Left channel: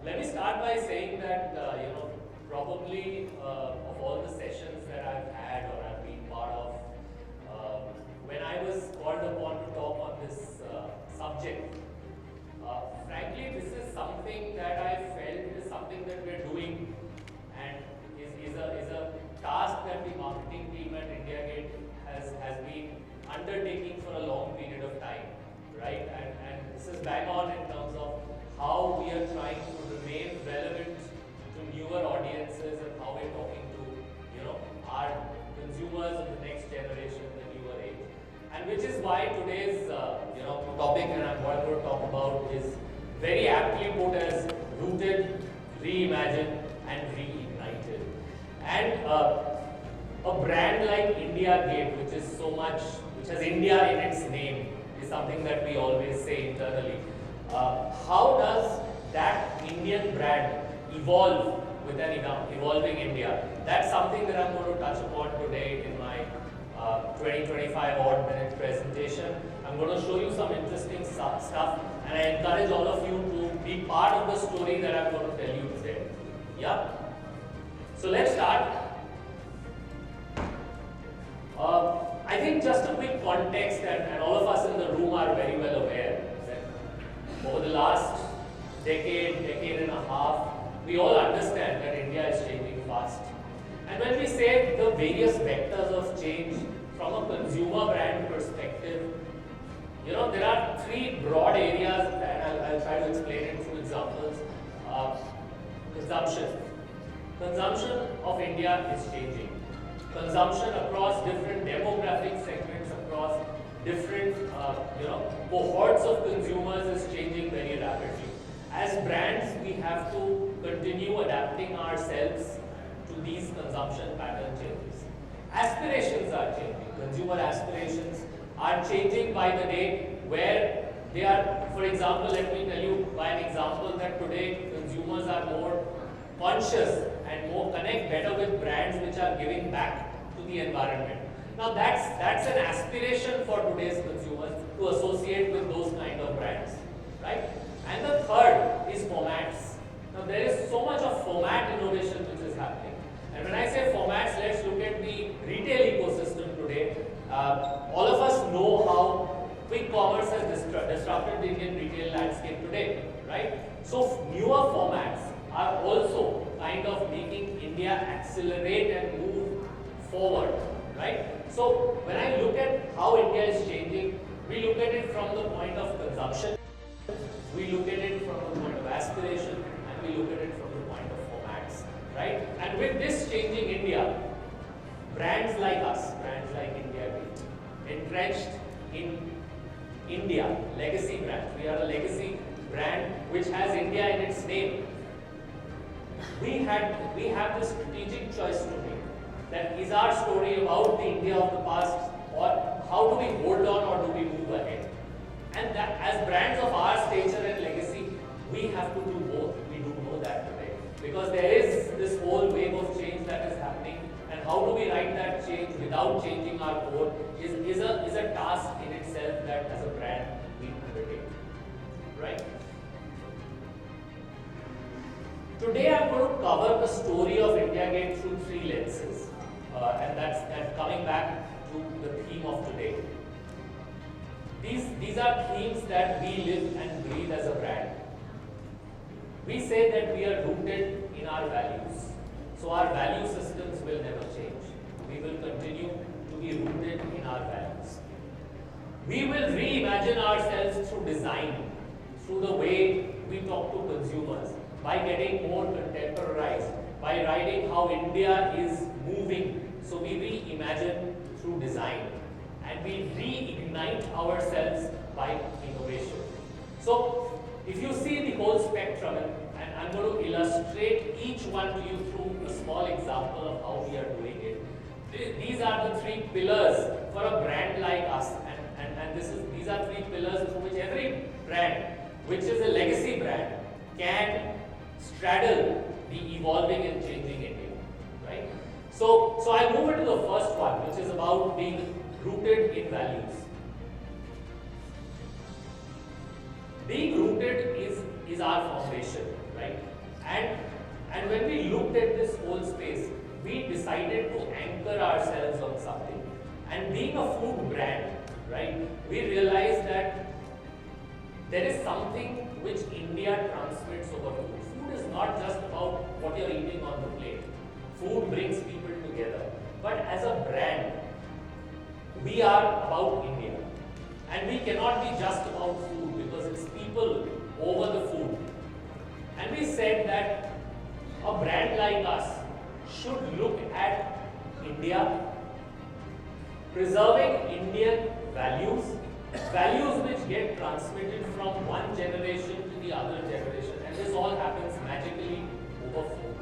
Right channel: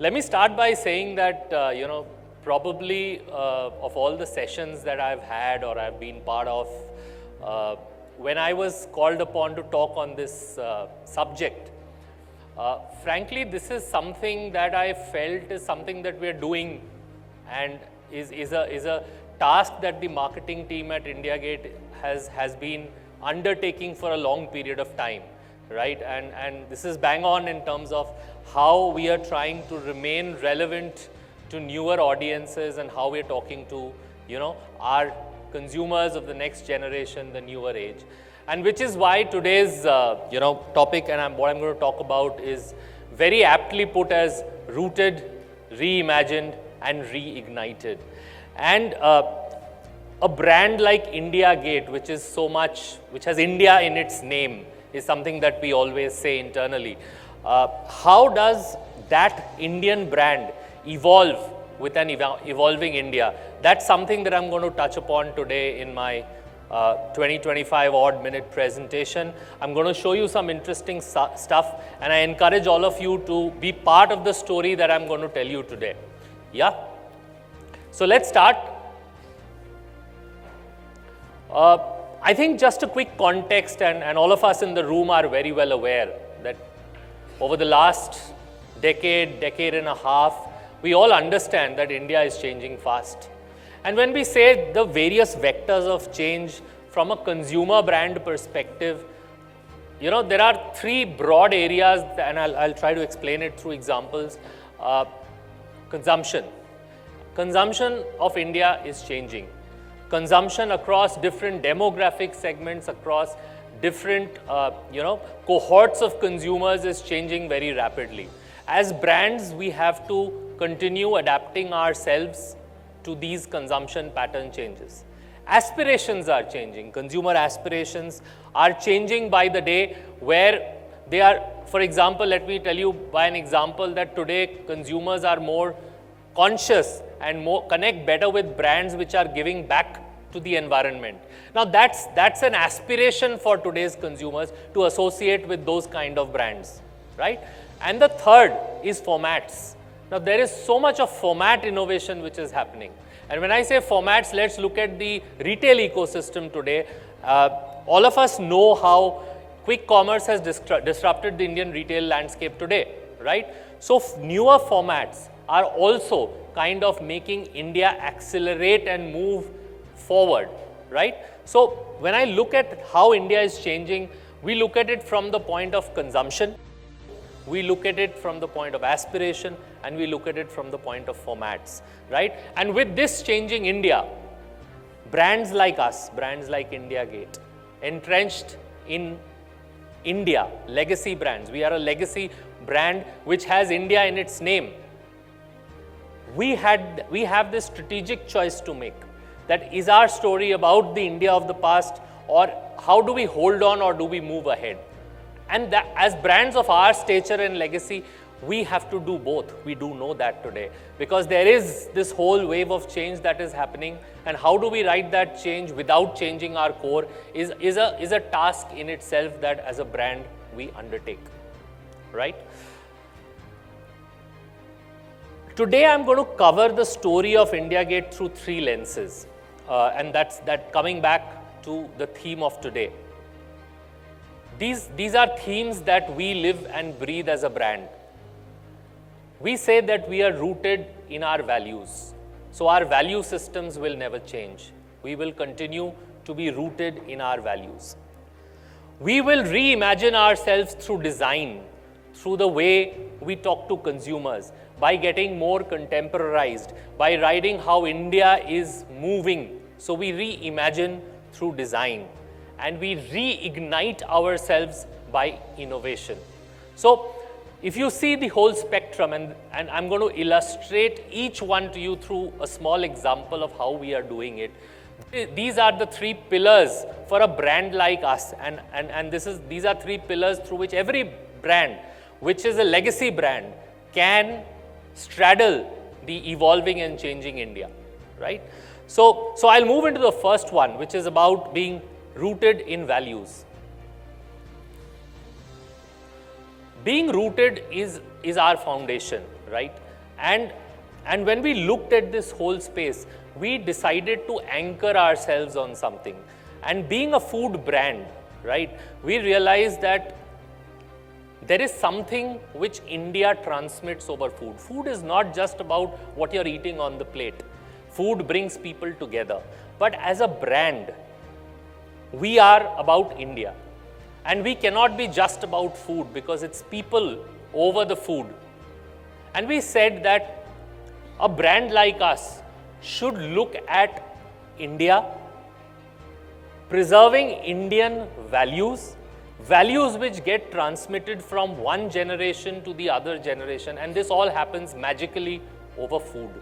Let me start by saying that, probably of all the sessions that I've had or I've been part of, when I was called upon to talk on this subject, frankly, this is something that I felt is something that we're doing and is a task that the marketing team at IndiaGate has been undertaking for a long period of time, right? And this is bang on in terms of how we are trying to remain relevant to newer audiences and how we're talking to, our consumers of the next generation, the newer age. And which is why today's, topic and what I'm going to talk about is very aptly put as rooted, reimagined and reignited. And a brand like IndiaGate, which has India in its name, is something that we always say internally. How does that Indian brand evolve with an evolving India? That's something that I'm going to touch upon today in my 20-25 odd minute presentation. I'm going to show you some interesting stuff, and I encourage all of you to be part of the story that I'm going to tell you today. Yeah? So let's start. I think just a quick context, and all of us in the room are very well aware that over the last decade and a half, we all understand that India is changing fast. And when we say the various vectors of change from a consumer brand perspective, there are three broad areas, and I'll try to explain it through examples. Consumption. Consumption of India is changing. Consumption across different demographic segments, across different cohorts of consumers is changing very rapidly. As brands, we have to continue adapting ourselves to these consumption pattern changes. Aspirations are changing. Consumer aspirations are changing by the day, where they are, for example, let me tell you by an example that today consumers are more conscious and connect better with brands which are giving back to the environment. Now that's an aspiration for today's consumers to associate with those kind of brands, right? And the third is formats. Now there is so much of format innovation which is happening. And when I say formats, let's look at the retail ecosystem today. All of us know how quick commerce has disrupted the Indian retail landscape today, right? So newer formats are also kind of making India accelerate and move forward, right? So when I look at how India is changing, we look at it from the point of consumption, we look at it from the point of aspiration, and we look at it from the point of formats, right? And with this changing India, brands like us, brands like IndiaGate, entrenched in India, legacy brands. We are a legacy brand which has India in its name. We have this strategic choice to make. That is our story about the India of the past, or how do we hold on or do we move ahead? And that, as brands of our stature and legacy, we have to do both. We do know that today, because there is this whole wave of change that is happening, and how do we ride that change without changing our core is a task in itself that as a brand we undertake, right? Today I'm going to cover the story of IndiaGate through three lenses, and that's coming back to the theme of today. These are themes that we live and breathe as a brand. We say that we are rooted in our values. So our value systems will never change. We will continue to be rooted in our values. We will reimagine ourselves through design, through the way we talk to consumers, by getting more contemporarized, by riding how India is moving. So we reimagine through design, and we reignite ourselves by innovation. So if you see the whole spectrum, and I'm going to illustrate each one to you through a small example of how we are doing it. These are the three pillars for a brand like us, and these are three pillars through which every brand, which is a legacy brand, can straddle the evolving and changing India, right? So I'll move into the first one, which is about being rooted in values. Being rooted is our foundation, right? And, and when we looked at this whole space, we decided to anchor ourselves on something. And being a food brand, right, we realized that there is something which India transmits over food. Food is not just about what you're eating on the plate. Food brings people together. But as a brand, we are about India. And we cannot be just about food because it's people over the food. And we said that a brand like us should look at India, preserving Indian values, values which get transmitted from one generation to the other generation, and this all happens magically over food.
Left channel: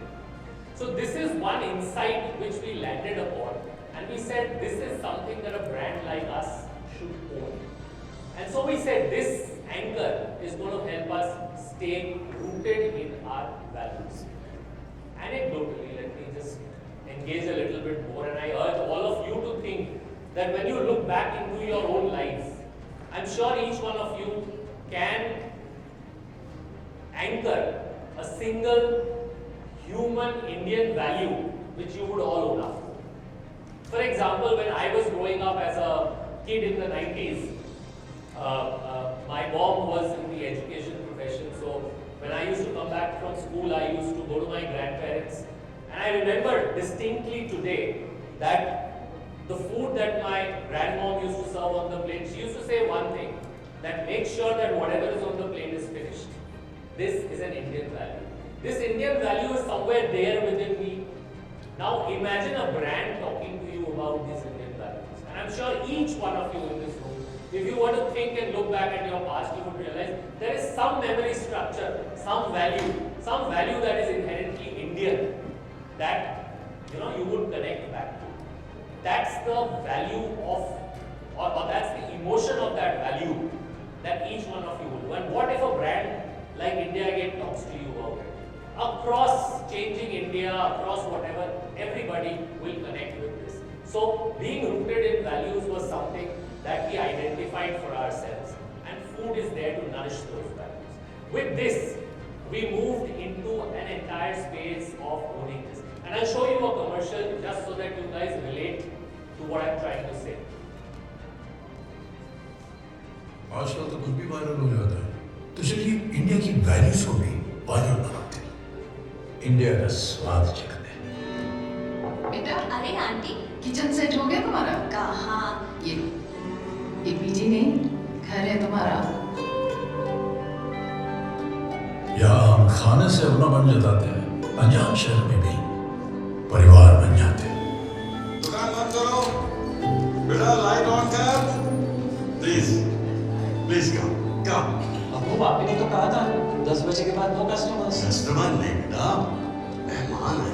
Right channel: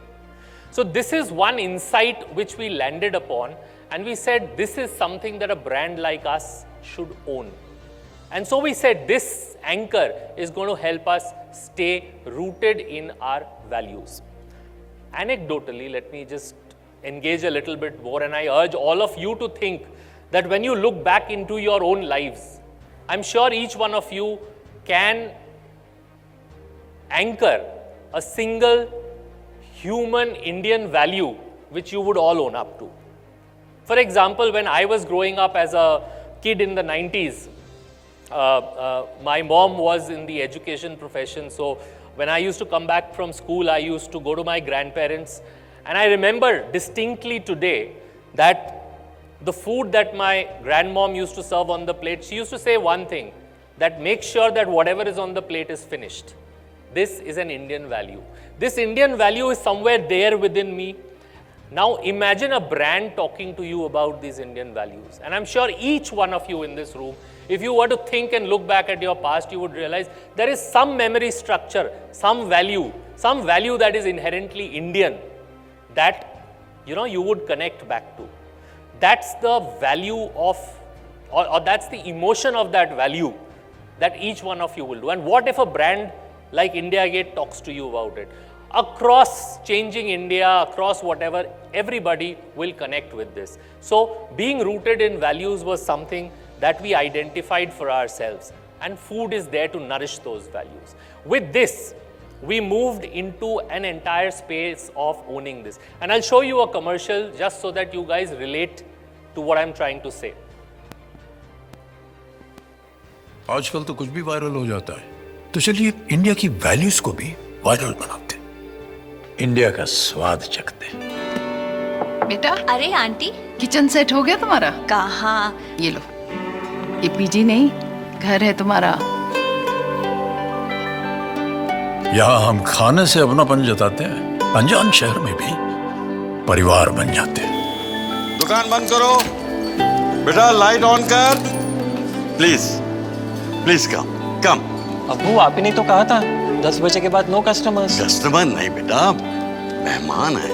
So this is one insight which we landed upon, and we said this is something that a brand like us should own. And so we said this anchor is going to help us stay rooted in our values. Anecdotally, let me just engage a little bit more, and I urge all of you to think that when you look back into your own lives, I'm sure each one of you can anchor a single human Indian value which you would all own up to. For example, when I was growing up as a kid in the 90s, my mom was in the education profession, so when I used to come back from school, I used to go to my grandparents, and I remember distinctly today that the food that my grandmom used to serve on the plate, she used to say one thing, that make sure that whatever is on the plate is finished. This is an Indian value. This Indian value is somewhere there within me. Now imagine a brand talking to you about these Indian values. And I'm sure each one of you in this room, if you were to think and look back at your past, you would realize there is some memory structure, some value that is inherently Indian that you would connect back to. That's the value of, or that's the emotion of that value that each one of you will do. And what if a brand like India Gate talks to you about it? Across changing India, across whatever, everybody will connect with this. So being rooted in values was something that we identified for ourselves, and food is there to nourish those values. With this, we moved into an entire space of owning this. And I'll show you a commercial just so that you guys relate to what I'm trying to say. आजकल तो कुछ भी viral हो जाता है, तो चलिए India की वैल्यूज को भी वायरल बनाते हैं, इंडिया का स्वाद चखते हैं। बेटा, अरे आंटी, किचन सेट हो गया तुम्हारा? कहाँ? ये लो, ये पीजी नहीं, घर है तुम्हारा। यहाँ हम खाने से अपनापन जताते हैं, अनजान शहर में भी परिवार बन जाते हैं। दुकान बंद करो, बेटा लाइट ऑन कर, प्लीज प्लीज कम। अब्बू, आप ही ने तो कहा था 10 बजे के बाद नो कस्टमर्स। कस्टमर नहीं बेटा, मेहमान है।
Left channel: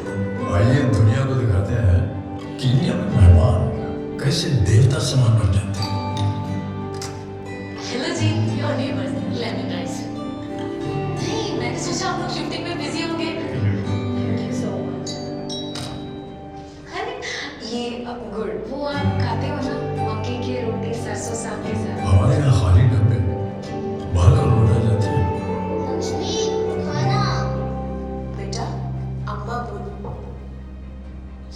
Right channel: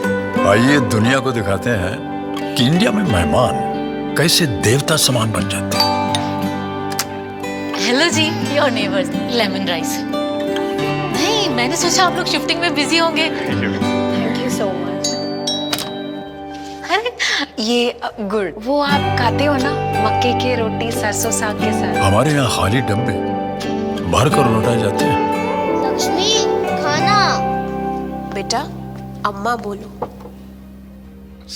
आइए दुनिया को दिखाते हैं कि इंडिया में मेहमान कैसे देवता समान बन जाते हैं। हेलो जी, योर नेबर्स, लेमन राइस। नहीं, मैंने सोचा आप लोग शिफ्टिंग में बिजी होंगे। Thank you so much. अरे ये गुड़, वो आप खाते हो ना, मक्के की रोटी सरसों साग के साथ? हमारे यहाँ खाली डब्बे भर कर लौटाए जाते हैं। लक्ष्मी, खाना। बेटा, अम्मा बोलो।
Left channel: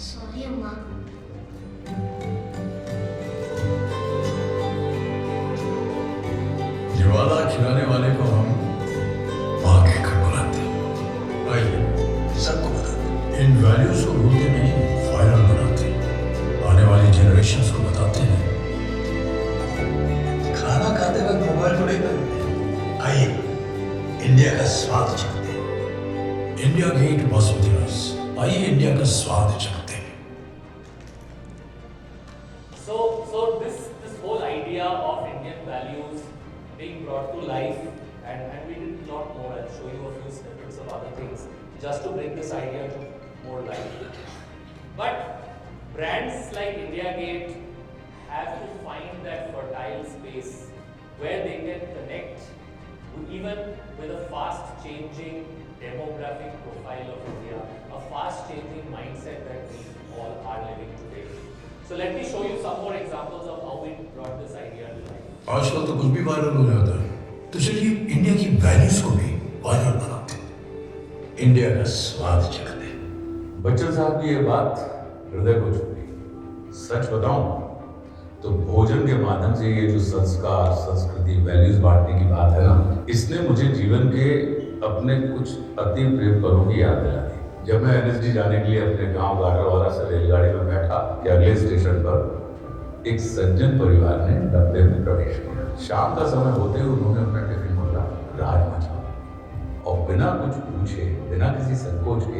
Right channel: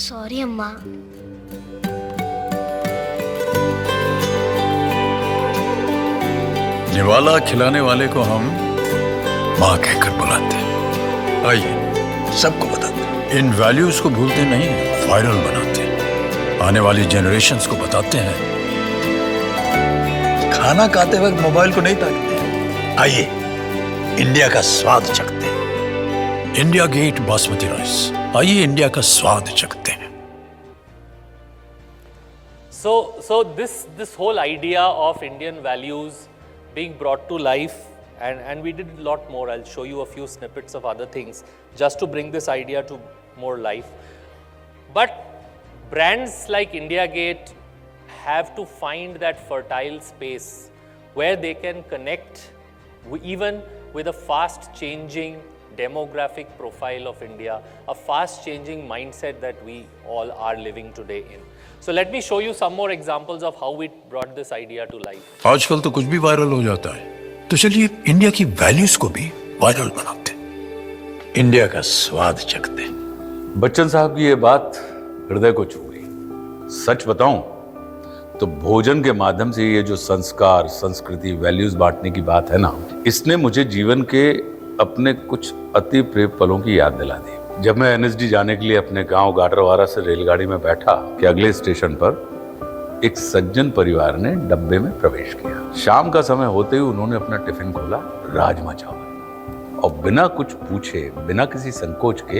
सॉरी अम्मा। निवाला खिलाने वाले को हम माँ कहकर बुलाते हैं। आइए सबको बताते हैं, इन वैल्यूज को भूलते नहीं, वायरल बनाते हैं, आने वाली जनरेशन्स को बताते हैं, खाना खाते वक्त मोबाइल को नहीं ताकते हैं। आइए इंडिया का स्वाद चखते हैं। इंडिया गेट बासमती राइस, आइए इंडिया का स्वाद चखते हैं। So this whole idea of Indian values being brought to life, and we did a lot more. I'll show you a few snippets of other things just to bring this idea to more life. But brands like India Gate have to find that fertile space where they can connect even with a fast changing demographic profile of India, a fast changing mindset that we all are living today in. So let me show you some more examples of how we brought this idea to life. आजकल तो कुछ भी viral हो जाता है, तो चलिए India की वैल्यूज को भी वायरल बनाते हैं, इंडिया का स्वाद चखते। बच्चन साहब की ये बात हृदय को छू गई। सच बताऊं तो भोजन के माध्यम से ये जो संस्कार, संस्कृति, वैल्यूज बांटने की बात है ना, इसने मुझे जीवन के अपने कुछ अति प्रिय पलों की याद दिला दी। जब मैं एनएसडी जाने के लिए अपने गांव गाडरवारा से रेलगाड़ी में बैठा कि अगले स्टेशन पर एक सज्जन परिवार ने डब्बे में प्रवेश किया। शाम का समय होते ही उन्होंने अपना टिफिन खोला, राजमा चावल, और बिना कुछ पूछे, बिना किसी संकोच के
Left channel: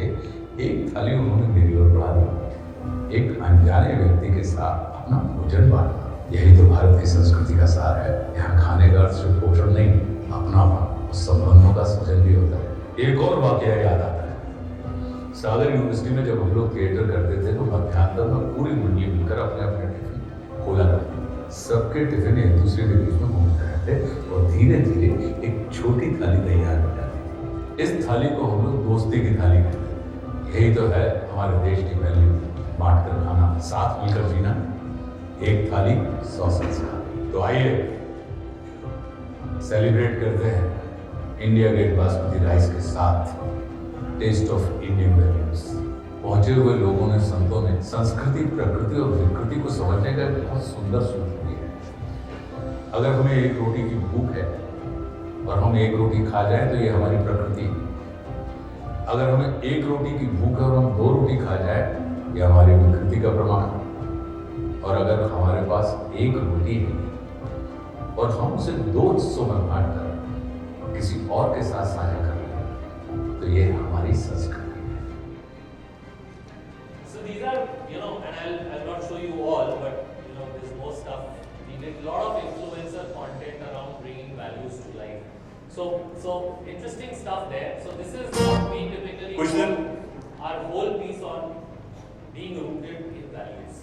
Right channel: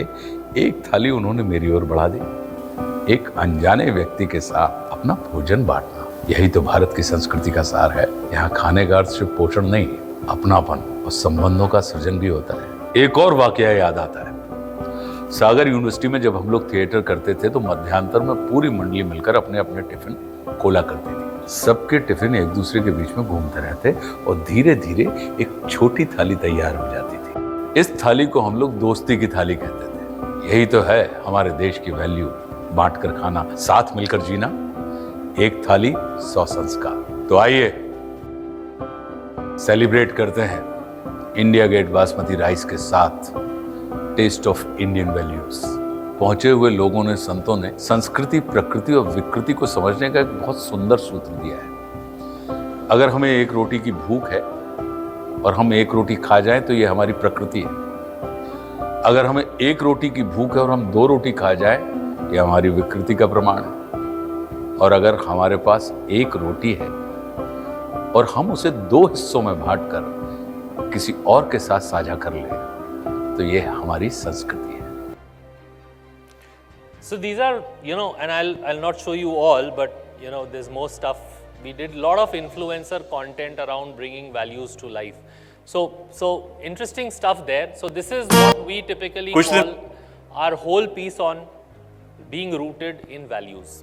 एक थाली उन्होंने मेरी ओर बढ़ा दी। एक अनजाने व्यक्ति के साथ अपना भोजन बांटना, यही तो भारत की संस्कृति का सार है। यहाँ खाने का अर्थ सिर्फ पोषण नहीं, अपनापन और संबंधों का सृजन भी होता है। एक और वाकया याद आता है। सागर यूनिवर्सिटी में जब हम लोग थिएटर करते थे तो मध्यांतर में पूरी मंडली मिलकर अपने अपने टिफिन खोला करती थी। सबके टिफिन एक दूसरे के बीच में घूमते रहते और धीरे धीरे एक छोटी थाली तैयार हो जाती थी। इस थाली को हम लोग दोस्ती की थाली कहते थे। यही तो है हमारे देश की वैल्यू, बांट कर खाना, साथ मिलकर जीना। एक थाली 100 संस्कार। तो आइए सेलिब्रेट करते हैं इंडिया गेट बासमती राइस के साथ टेस्ट ऑफ इंडियन वैल्यूज। पहुंचे हुए लोगों ने, संतों ने संस्कृति, प्रकृति और विकृति को समझने का एक बहुत सुंदर सूत्र दिया है। अगर हमें एक रोटी की भूख है और हम एक रोटी खा जाएं तो ये हमारी प्रकृति है। अगर हमें एक रोटी की भूख है और हम 2 रोटी खा जाएं, ये हमारी विकृति का प्रमाण है। और अगर हमारे पास एक रोटी है और हम उसे 2 हिस्सों में बांटकर किसी और के साथ साझा कर लें तो ये हमारी संस्कृति है। So these are, and I'll not show you all, but there's more stuff. We did a lot of influencer content around bringing values to life. So interesting stuff there. So this is what we typically call our whole piece on being rooted in values.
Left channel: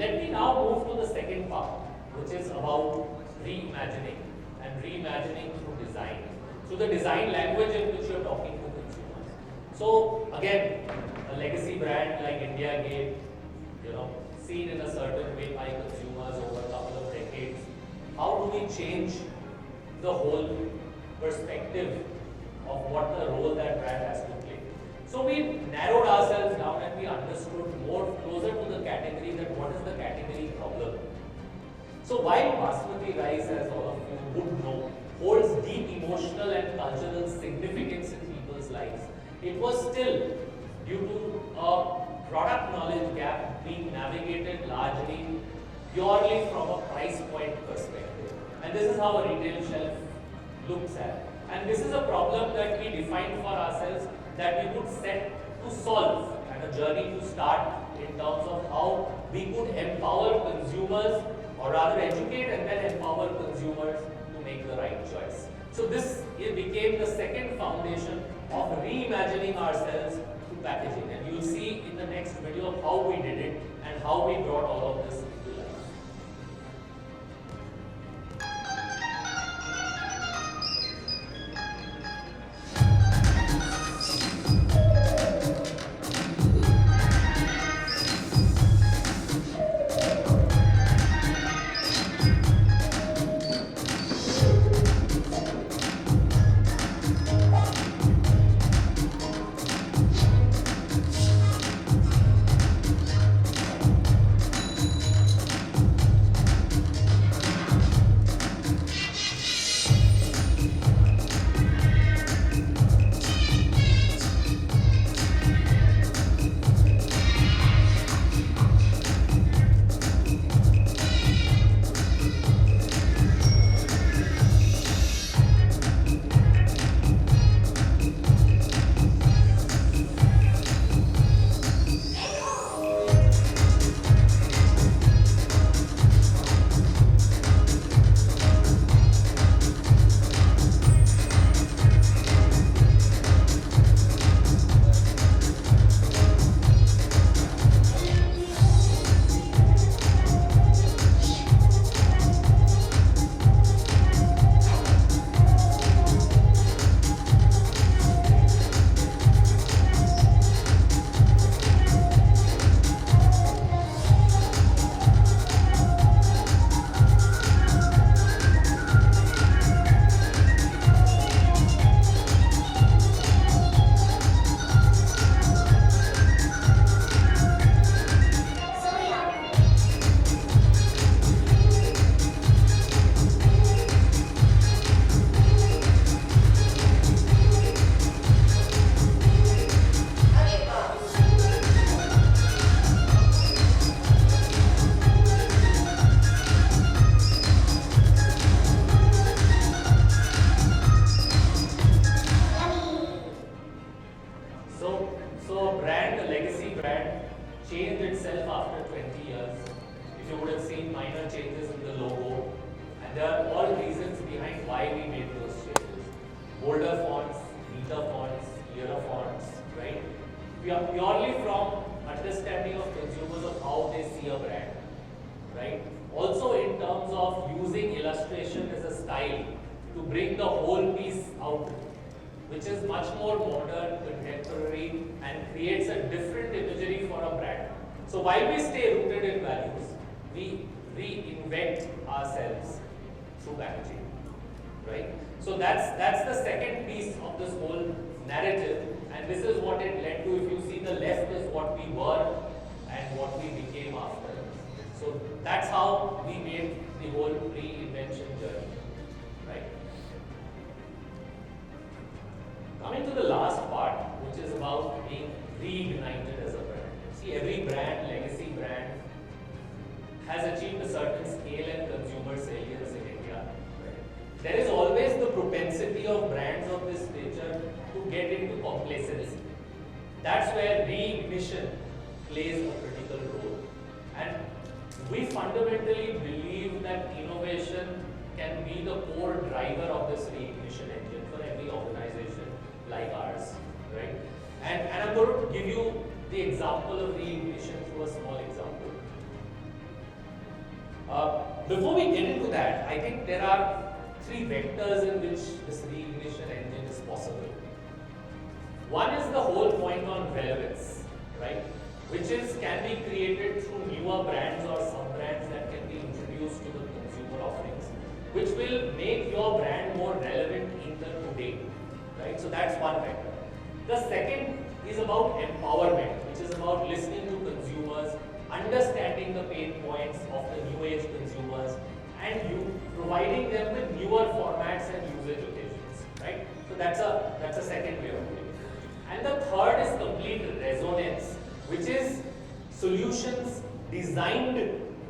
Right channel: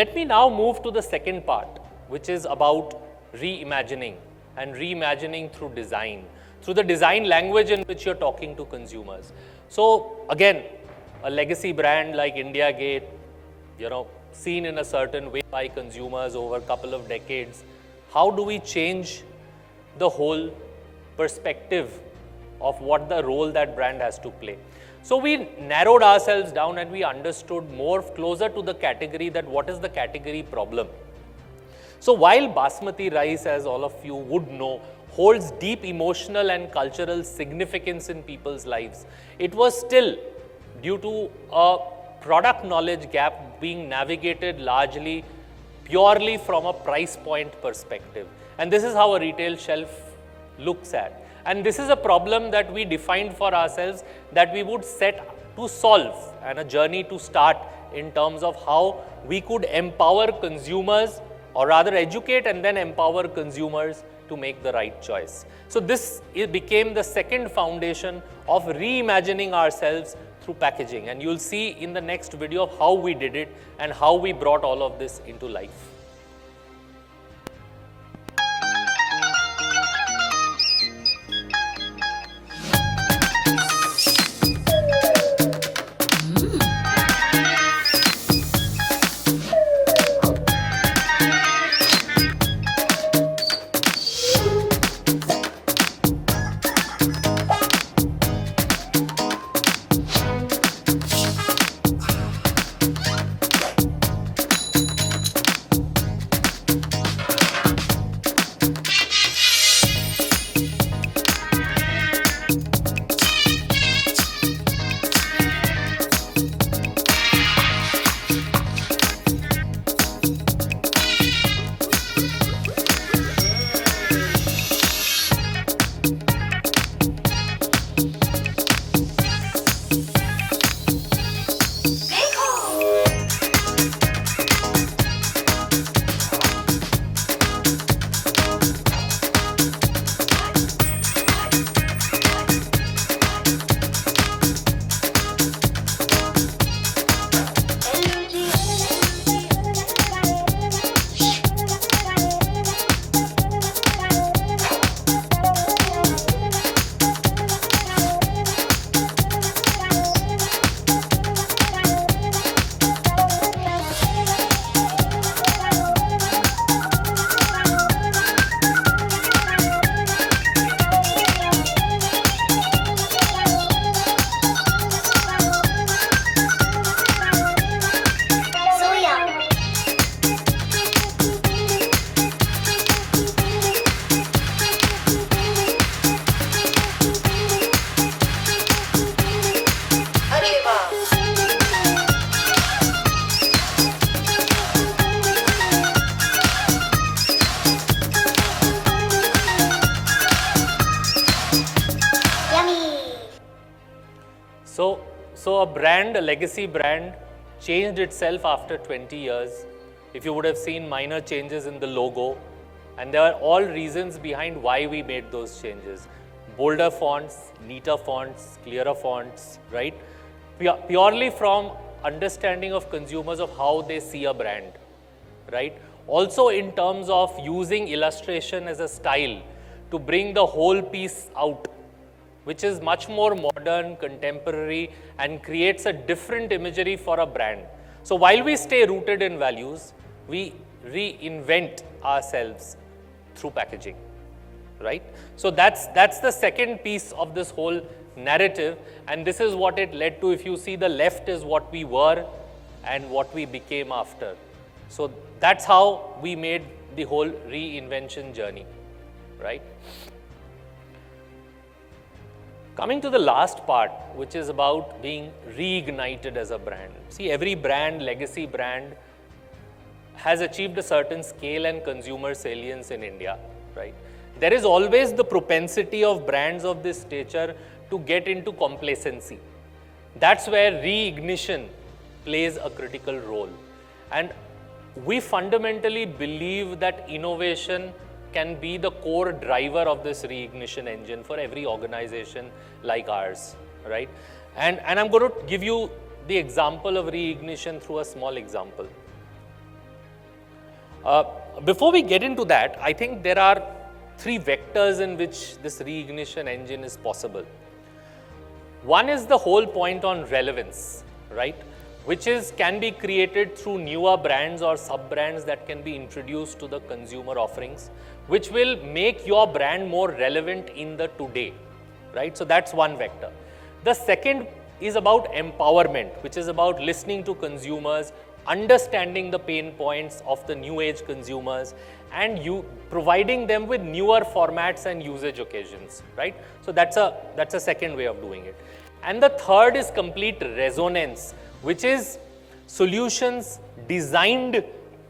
Let me now move to the second part, which is about reimagining and reimagining through design, through the design language in which you're talking to consumers. So again, a legacy brand like India Gate, seen in a certain way by consumers over a couple of decades. How do we change the whole perspective of what the role that brand has to play? So we narrowed ourselves down and we understood more closer to the category, that what is the category problem. So while Basmati rice, as all of you would know, holds deep emotional and cultural significance in people's lives, it was still due to a product knowledge gap being navigated largely purely from a price point perspective. And this is how a retail shelf looks at. And this is a problem that we defined for ourselves that we would set to solve, and a journey to start in terms of how we could empower consumers, or rather educate and then empower consumers to make the right choice. So this became the second foundation of reimagining ourselves through packaging, and you'll see in the next video how we did it and how we brought all of this into life. So a brand, a legacy brand, changed itself after 20 years. If you would have seen minor changes in the logo, and there are all reasons behind why we made those changes. Bolder fonts, neater fonts, clearer fonts, right? Purely from understanding of consumers of how they see a brand, right? Also in terms of using illustration as a style to bring the whole piece out, which is much more modern, contemporary, and creates a different imagery for a brand. So while we stay rooted in values, we reinvent ourselves through packaging, right? So that's the second piece of this whole narrative, and this is what it led to. If you see, the left is what we were and what we became after. So that's how we made the whole reinvention journey, right? Coming to the last part, which is about being reignited as a brand. See, every brand, legacy brand, has achieved a certain scale and consumer salience in India, right? There is always the propensity of brands of this stature to get into complacency. That's where reignition plays a critical role. And we fundamentally believe that innovation can be the core driver of this reignition engine for every organization like ours, right? And I'm going to give you the example of reignition through a small example. Before we get into that, I think there are three vectors in which this reignition engine is possible. One is the whole point on relevance, right? Which can be created through newer brands or sub-brands that can be introduced to the consumer offerings, which will make your brand more relevant in the today, right? So that's one vector. The second is about empowerment, which is about listening to consumers, understanding the pain points of the new age consumers, and you providing them with newer formats and usage occasions, right? So that's a second way of doing it. And the third is complete resonance, which is solutions designed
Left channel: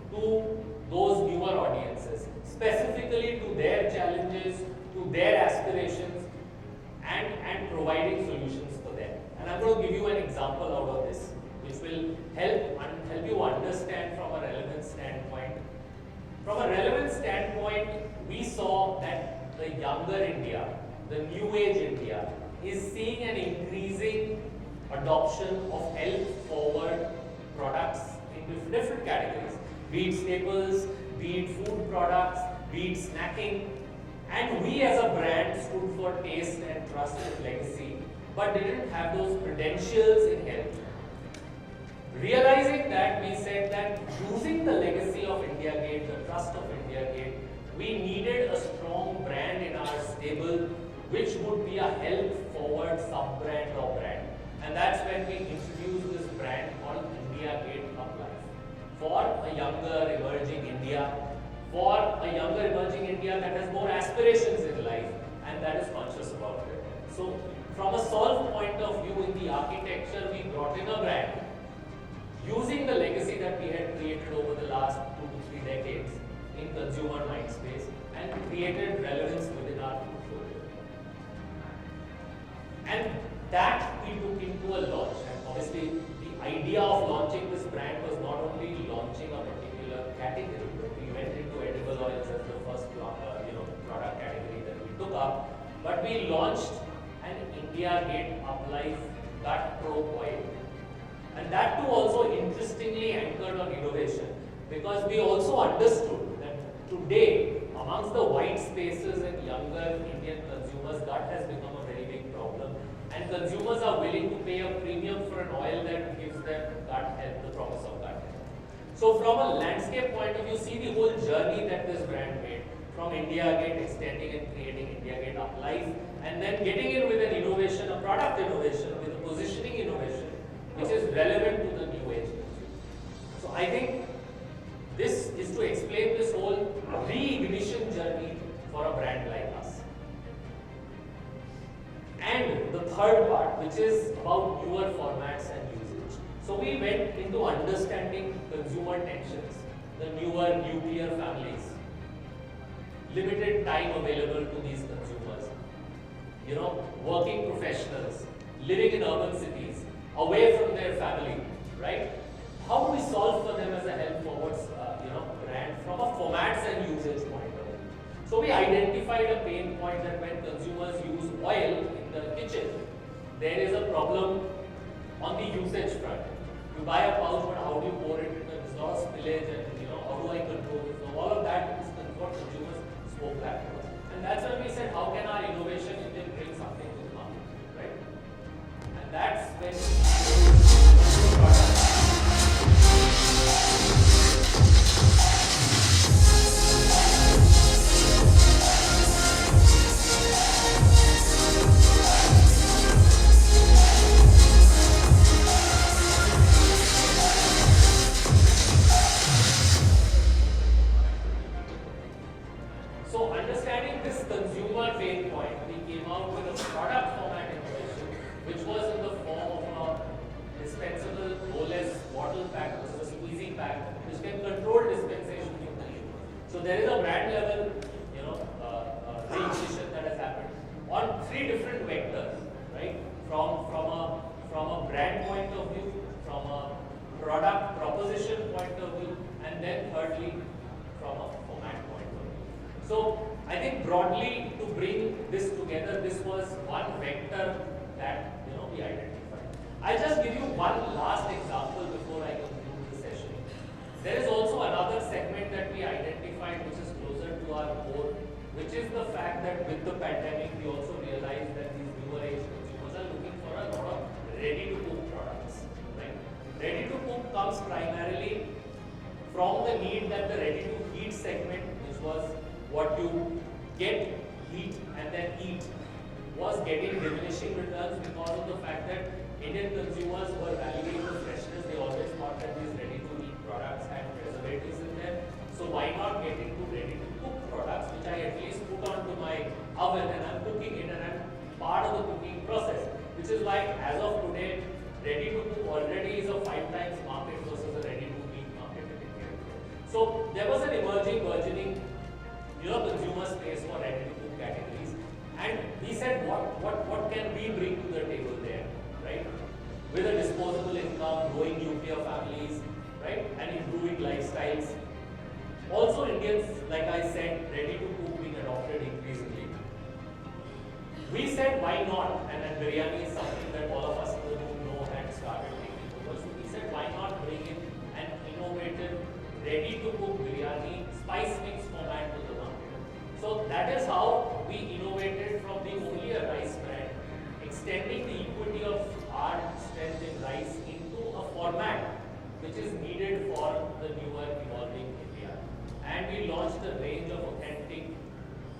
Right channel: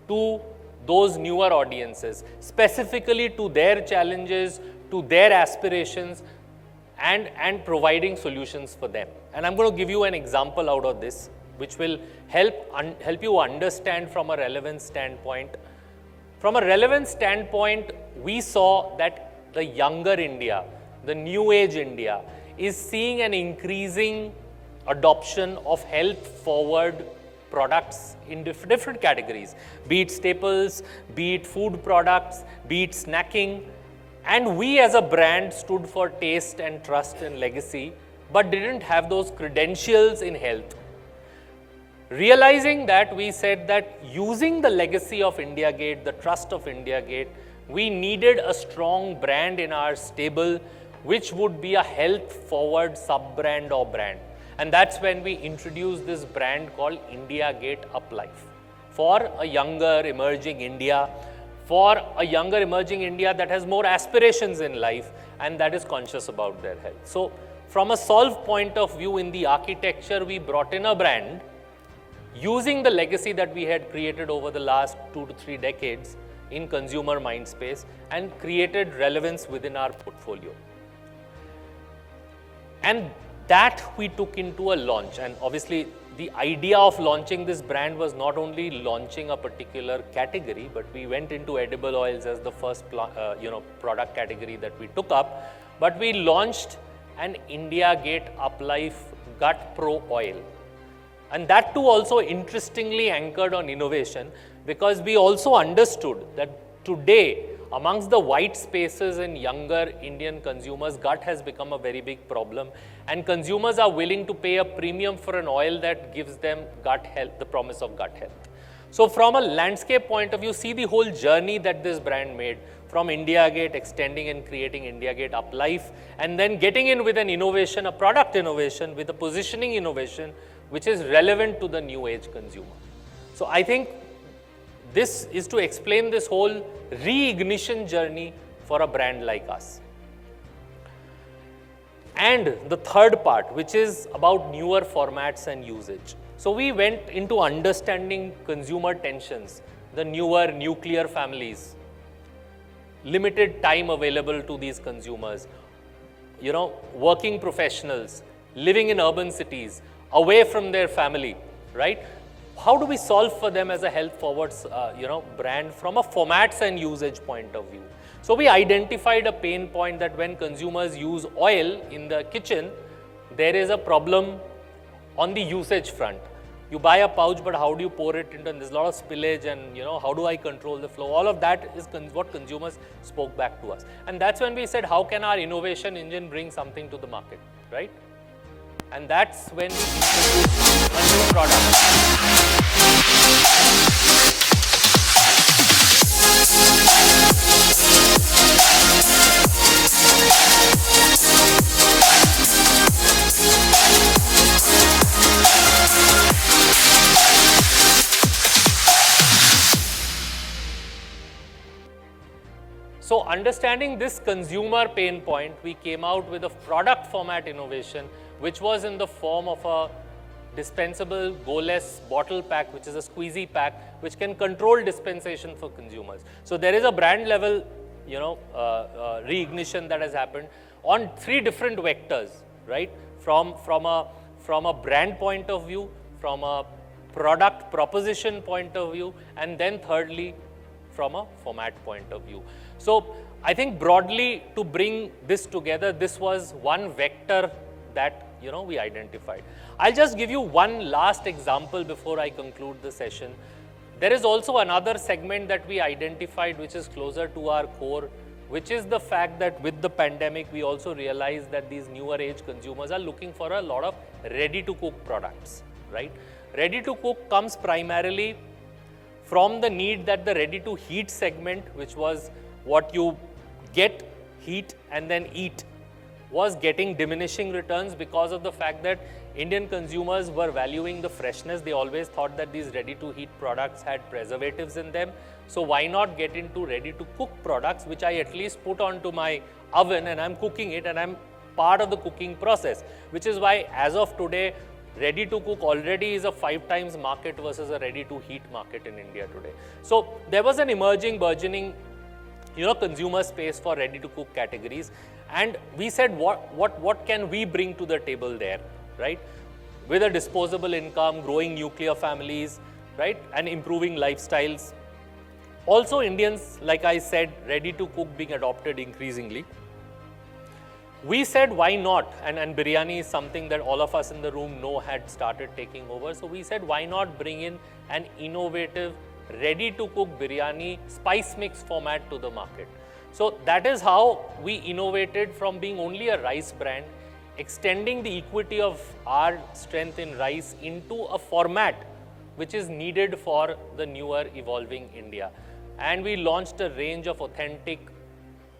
to those newer audiences, specifically to their challenges, to their aspirations, and providing solutions for them. And I'm going to give you an example out of this, which will help you understand from a relevance standpoint. From a relevance standpoint, we saw that the younger India, the new age India, is seeing an increasing adoption of health forward products in different categories, be it staples, be it food products, be it snacking. And we as a brand stood for taste and trust and legacy, but didn't have those credentials in health. Realizing that, we said that using the legacy of India Gate, the trust of India Gate, we needed a strong brand in our stable, which would be a health forward sub-brand or brand. And that's when we introduced this brand called India Gate Up Life for a younger emerging India, that has more aspirations in life and that is conscious about their health. So from a solve point of view, in the architecture, we brought in a brand using the legacy that we had created over the last 2 to 3 decades in consumer mind space and created relevance within our portfolio. And that we took into a launch, and obviously the idea of launching this brand was not only launching a particular category, but we went into edible oils as the first product category that we took up, but we launched an India Gate Up Life Gut Pro oil. And that too also interestingly anchored on innovation, because we also understood that today amongst the white spaces in younger Indian consumers, gut has become a very big problem, and consumers are willing to pay a premium for an oil that gives them gut health, the promise of gut health. So from a landscape point of view, see the whole journey that this brand made, from India Gate, extending and creating India Gate Up Life, and then getting in with an innovation, a product innovation, with a positioning innovation, which is relevant to the new age consumer. So I think this is to explain this whole reignition journey for a brand like us. And the third part, which is about newer formats and usage. So we went into understanding consumer tensions, the newer nuclear families, limited time available to these consumers, working professionals, living in urban cities, away from their family, right? How do we solve for them as a health forward, brand from a formats and usage point of view? So we identified a pain point that when consumers use oil in the kitchen, there is a problem on the usage front. You buy a pouch, but how do you pour it into, and there's a lot of spillage, and how do I control the flow? All of that is what consumers spoke back to us. And that's when we said, how can our innovation engine bring something to the market, right? And that's when we introduced a new product. So understanding this consumer pain point, we came out with a product format innovation, which was in the form of a dispensable go-less bottle pack, which is a squeezy pack, which can control dispensation for consumers. So there is a brand level, reignition that has happened on 3 different vectors, right? From a brand point of view, from a product proposition point of view, and then thirdly, from a format point of view. So I think broadly, to bring this together, this was one vector that we identified. I'll just give you one last example before I conclude the session. There is also another segment that we identified which is closer to our core, which is the fact that with the pandemic, we also realized that these newer age consumers are looking for a lot of ready to cook products, right? Ready to cook comes primarily from the need that the ready to heat segment, which was what you get, heat and then eat, was getting diminishing returns because of the fact that Indian consumers were valuing the freshness. They always thought that these ready to eat products had preservatives in them. So why not get into ready to cook products, which I at least put onto my oven and I'm cooking it and I'm part of the cooking process, which is why as of today, ready to cook already is a 5 times market versus a ready to heat market in India today. So there was an emerging, burgeoning consumer space for ready to cook categories, and we said what can we bring to the table there, right? With a disposable income, growing nuclear families, right, and improving lifestyles. Also Indians, like I said, ready to cook being adopted increasingly. We said why not, and biryani is something that all of us in the room know had started taking over. So we said why not bring in an innovative ready to cook biryani spice mix format to the market. So that is how we innovated from being only a rice brand, extending the equity of our strength in rice into a format which is needed for the newer evolving India. And we launched a range of authentic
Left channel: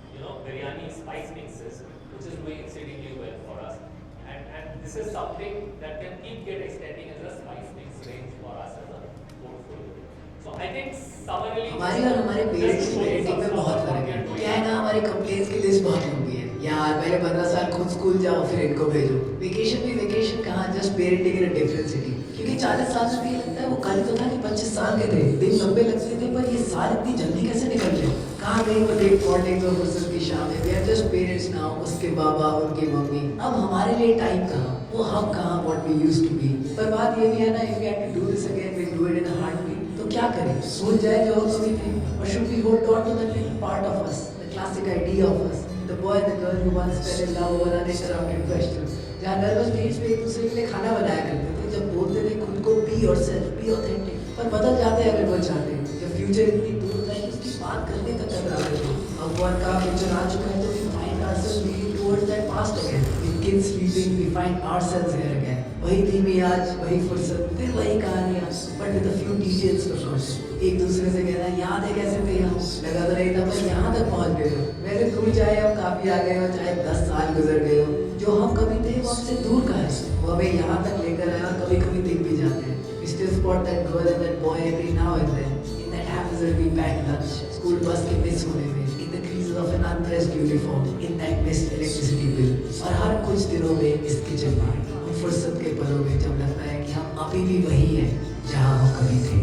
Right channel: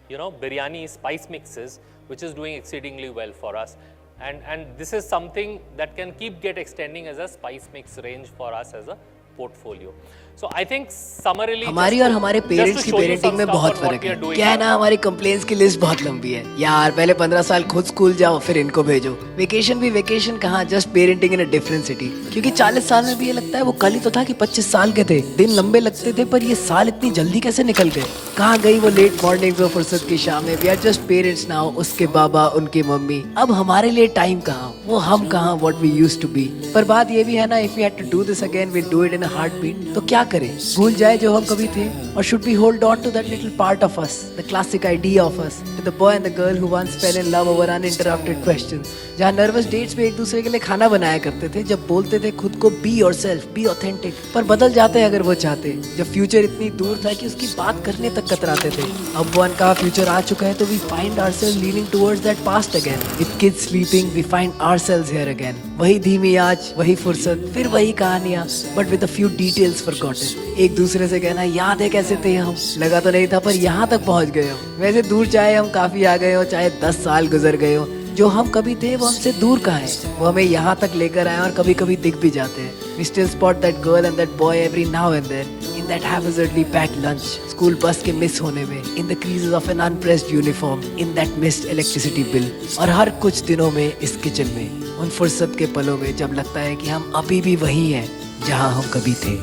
biryani spice mixes, which is doing exceedingly well for us. And this is something that can get extending as a spice mix range for us as a portfolio. So I think summarily हमारी और हमारे parents की parenting में बहुत फर्क है। क्या है ना, हमारी कंप्लेंट्स की लिस्ट बहुत लंबी है यार। पहले 15 साल खुद स्कूल जाओ, फिर इनको भेजो। वेकेशन भी वेकेशन कहाँ, just parenting in a different city. क्योंकि 40 साल में भी ये लगता है वो कल ही तो था कि 25 साल के थे। दिन लंबे लगते थे, पर ये साल इतनी जल्दी कैसे निकल गए। कहाँ गई वो लेट मॉर्निंग और फुर्सत की शामें। We are just parents now, उसके बाबा, उनकी मम्मी। अब हमारे लिए टाइम कहाँ, वो हम कहाँ, what we used to be. पर बात ये भी है ना, if we had to do this again, we do it in a heartbeat. तो क्या करें, भूल जाए जो हम कभी थे, और should we hold on to that little part of us, the classic idea of us, with the boy and the girl who once fell in love over uninterrupted questions, जहाँ नर्वस डेट्स पे एक दूसरे के लिए खाना बनाया करते थे, जब बोलते थे खुद को बी योरसेल्फ, बी ऑथेंटिक, पर बदल जाते अगर वो चाहते, जब फ्यूचर इतनी दूर था कि उसकी बात करने तक कतराते थे। अब वो अनकहा फ्यूचर आ चुका है, तो we find ourselves leaning towards that past again. With kids sleeping, we find ourselves here again. वही धीमी आज, वही फुर्सत, फिर वही कहानियाँ, but with a few details forgotten. एक दूसरे से कहना याद है कैसे थे हम, लगा तो नहीं था पर यहाँ तक पहुँच गए हो। वैसे दूर चाहे हम काफ़ी आ गए हो, चाहे 10 साल गुजर गए हो, जो हम कभी थे वो हमसे दूर कहाँ है, वो हमें यहाँ तक लेकर आए और कभी कभी दिख भी जाते हैं। We still spot that girl and that boy every now and then, in that haphazardly packed lunch, school bus के मिस होने में, in the creases of an unpressed uniform, in that missed electricity bill, और हर कुछ दिनों में इस kitchen में, उन फुर्सत के पलों में जब लगता है कि हम अभी भी वही हैं जहाँ हम कभी थे।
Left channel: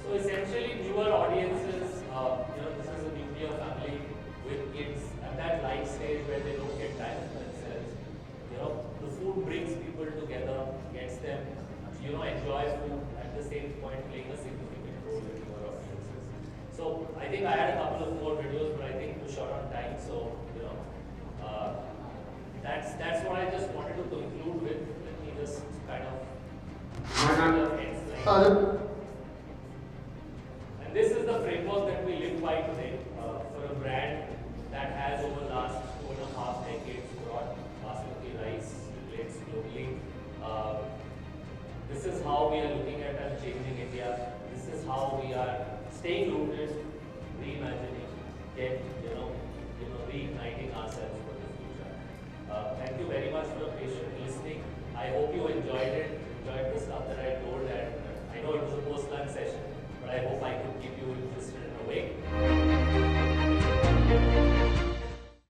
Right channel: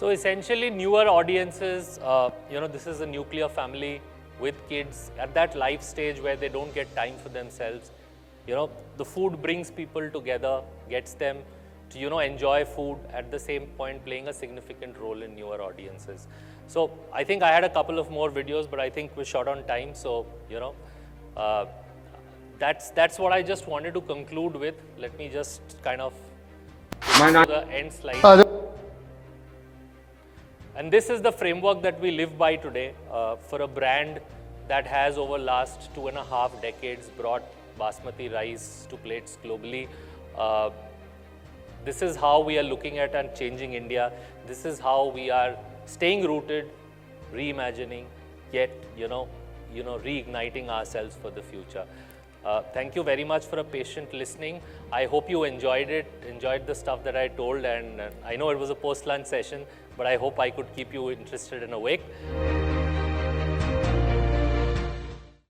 So essentially newer audiences, this is a nuclear family with kids at that life stage where they don't get time for themselves. You know, the food brings people together, gets them to, you know, enjoy food, at the same point playing a significant role in newer audiences. So I think I had a couple of more videos, but I think we're short on time. So, you know, that's what I just wanted to conclude with. Let me just kind of the end slide. And this is the framework that we live by today for a brand that has over last 2.5 decades brought Basmati rice to plates globally. This is how we are looking at and changing India. This is how we are staying rooted, reimagining, yet reigniting ourselves for the future. Thank you very much for a patient listening. I hope you enjoyed it, enjoyed the stuff that I told, and I know it was a post-lunch session, but I hope I could keep you interested and awake.